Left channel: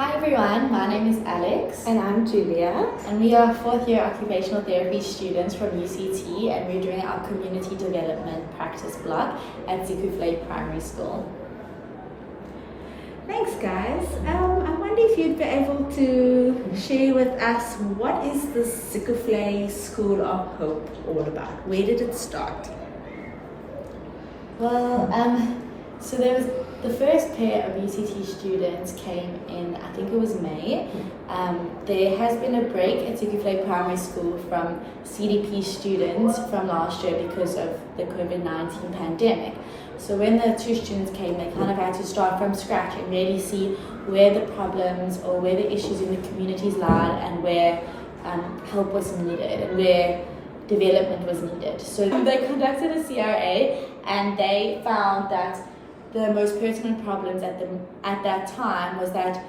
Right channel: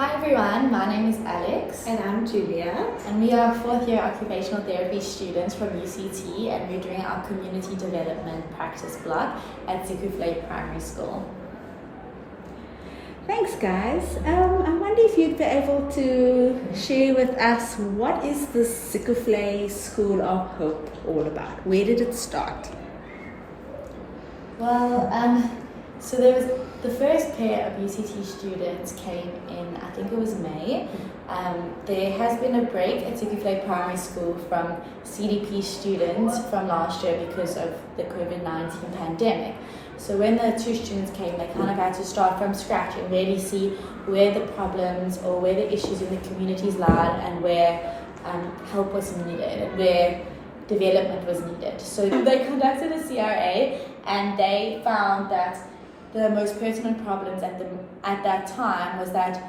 Hi everyone, my name is Alex. And I'm Julia. And we are fourth year occupational therapy students from UCT, and we're doing our community development practice block at Zeekoevlei Primary School. Thanks guys. I wonder if you'd be able to share with us what is the Zeekoevlei School of Hope all about? Where did it start? Well, so there was the first pair of UCT students came in, I think it was May. There has been a break at Zeekoevlei Primary School from CDP students from last year because of the COVID-19 pandemic. So when the two students came, they kind of had to start from scratch and really see where the problems or where the issues in the communities lied and where help was needed and where development was needed. So they conducted a CRA and they found that the most pertinent problems at that time was that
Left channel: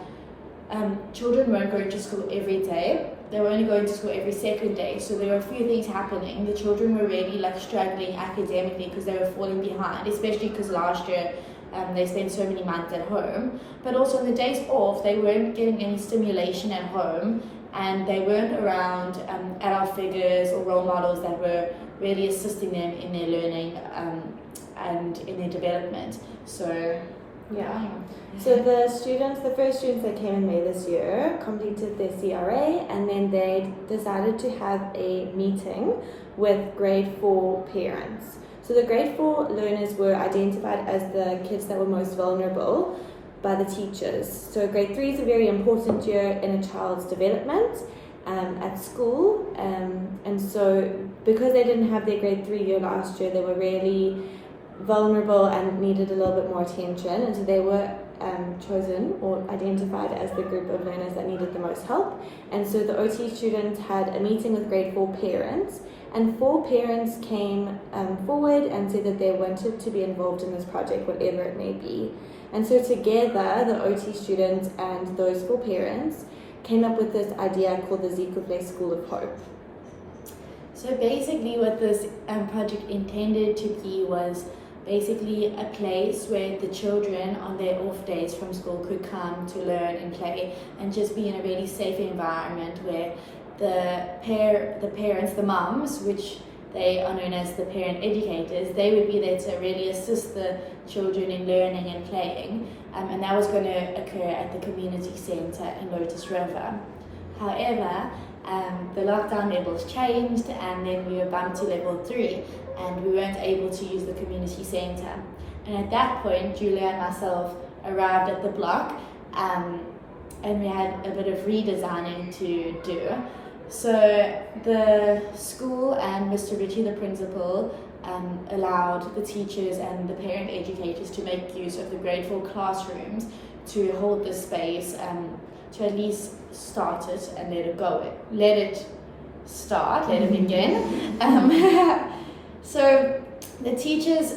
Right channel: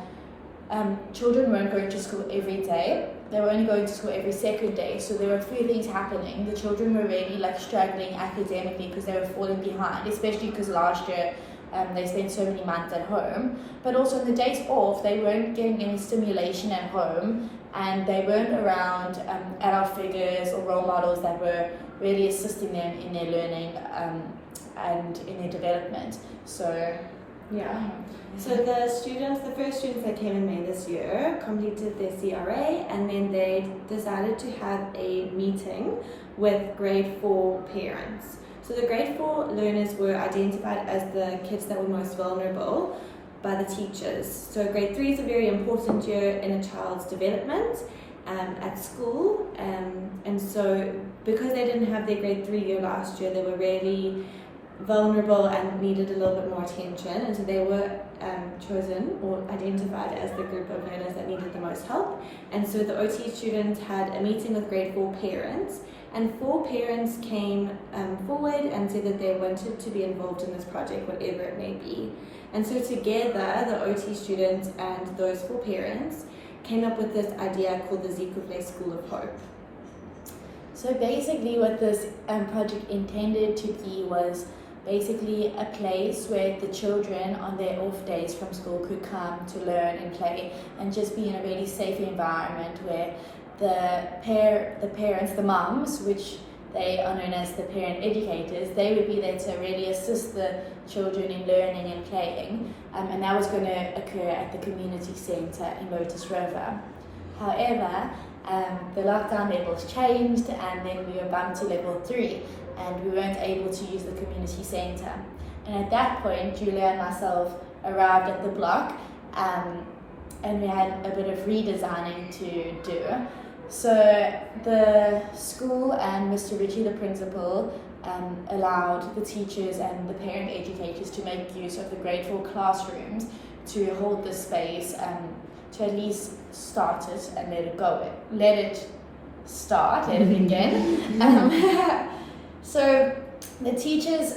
children weren't going to school every day. They were only going to school every second day. So there were a few things happening. The children were really struggling academically because they were falling behind, especially because last year they spent so many months at home. But also on the days off, they weren't getting any stimulation at home, and they weren't around adult figures or role models that were really assisting them in their learning and in their development. So So the first students that came in May this year completed their CRA, and then they decided to have a meeting with grade 4 parents. So the grade 4 learners were identified as the kids that were most vulnerable by the teachers. So grade 3 is a very important year in a child's development at school, and so because they didn't have their grade 3 year last year, they were really vulnerable and needed a little bit more attention, and so they were chosen or identified as the group of learners that needed the most help. And so the OT students had a meeting with grade 4 parents, and 4 parents came forward and said that they wanted to be involved in this project, whatever it may be. And so together, the OT students and those 4 parents came up with this idea called the Zeekoevlei School of Hope. So basically what this project intended to be was basically a place where the children on their off days from school could come to learn and play and just be in a really safe environment where the parents, the mums, which they are known as the parent educators, they would be there to really assist the children in learning and playing, and that was going to occur at the community centre in Lotus River. However, the lockdown levels changed, and then we were bumped to level 3, and we weren't able to use the community centre. And at that point, Julia and myself arrived at the block, and we had a bit of redesigning to do. So the school and Mr. Ritchie, the principal, allowed the teachers and the parent educators to make use of the grade 4 classrooms to hold the space, to at least start it and let it go. Let it begin. So the teachers,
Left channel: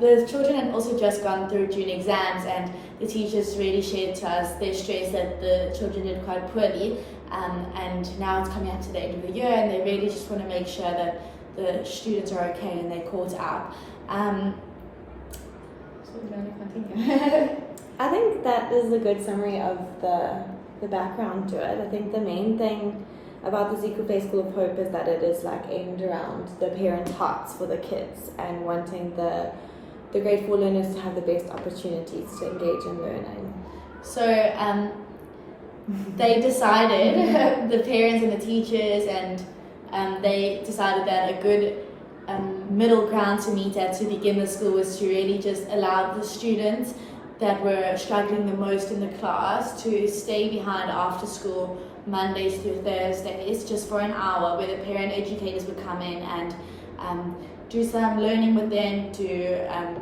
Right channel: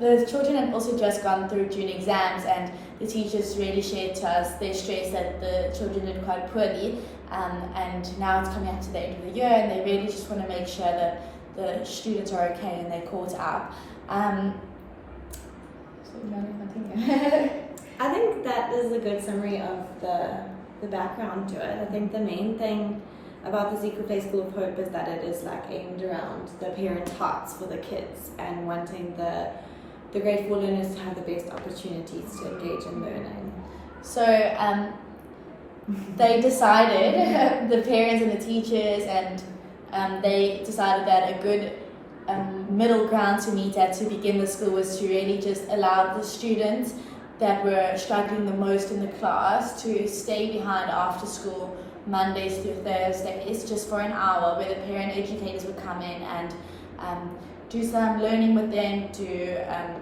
the children had also just gone through June exams, and the teachers really shared to us their stress that the children did quite poorly, and now it's coming up to the end of the year, and they really just want to make sure that the students are okay and they're caught up. So you want to continue? I think that is a good summary of the background to it. I think the main thing about the Zeekoevlei School of Hope is that it is aimed around the parents' hearts for the kids and wanting the grade 4 learners to have the best opportunities to engage in learning. So they decided, the parents and the teachers, and they decided that a good middle ground to meet at to begin the school was to really just allow the students that were struggling the most in the class to stay behind after school Mondays through Thursdays just for an hour, where the parent educators would come in and do some learning with them, to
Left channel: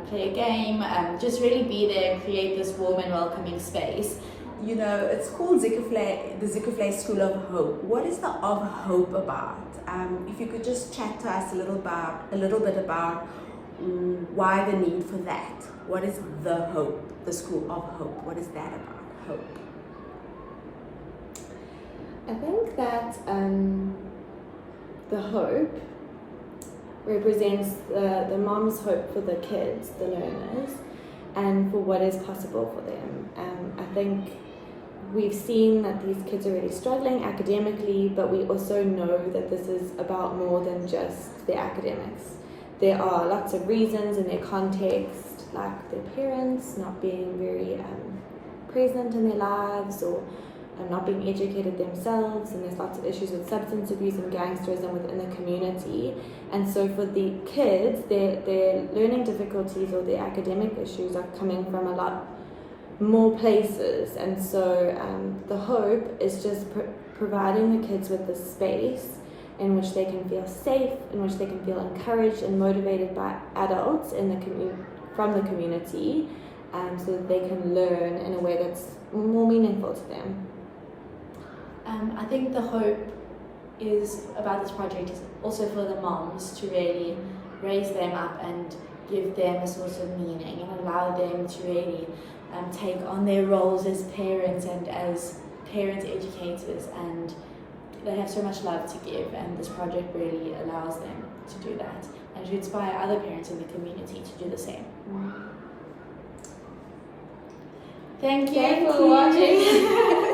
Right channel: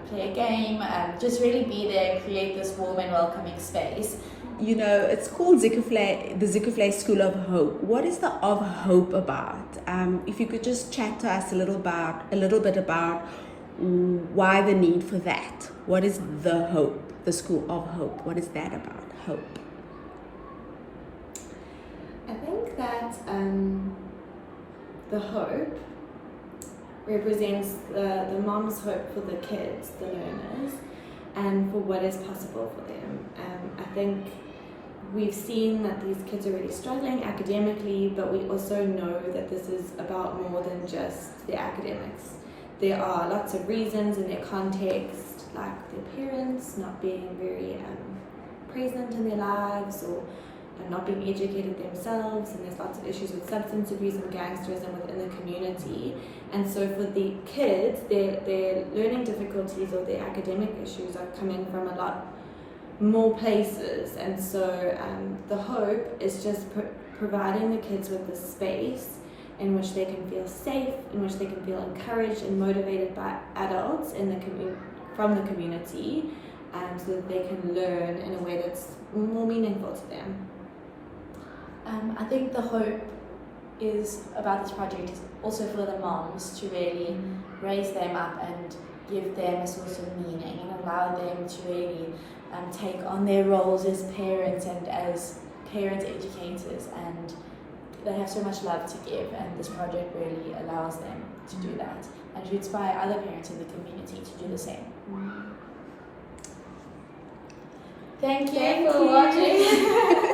play a game, just really be there and create this warm and welcoming space. You know, it's called Zeekoevlei, the Zeekoevlei School of Hope. What is the of hope about? If you could just chat to us a little bit about why the need for that. What is the hope, the School of Hope? What is that about, hope? I think that the hope represents the mom's hope for the kids, the learners, and for what is possible for them. I think we've seen that these kids are really struggling academically, but we also know that this is about more than just their academics. There are lots of reasons in their context, like their parents not being very present in their lives, or not being educated themselves, and there's lots of issues with substance abuse and gangsterism within the community. And so for the kids, their learning difficulties or their academic issues are coming from a lot more places. And so the hope is just providing the kids with the space in which they can feel safe, in which they can feel encouraged and motivated by adults in the from the community, so that they can learn in a way that's more meaningful to them. I think the hope is about this project is also for the moms to really raise them up and give them a source of meaning and allow them to really take on their roles as parents and as parent educators, and they have so much love to give, and this project really allows them to do that and to inspire other parents in the community to do the same. Thank you for watching.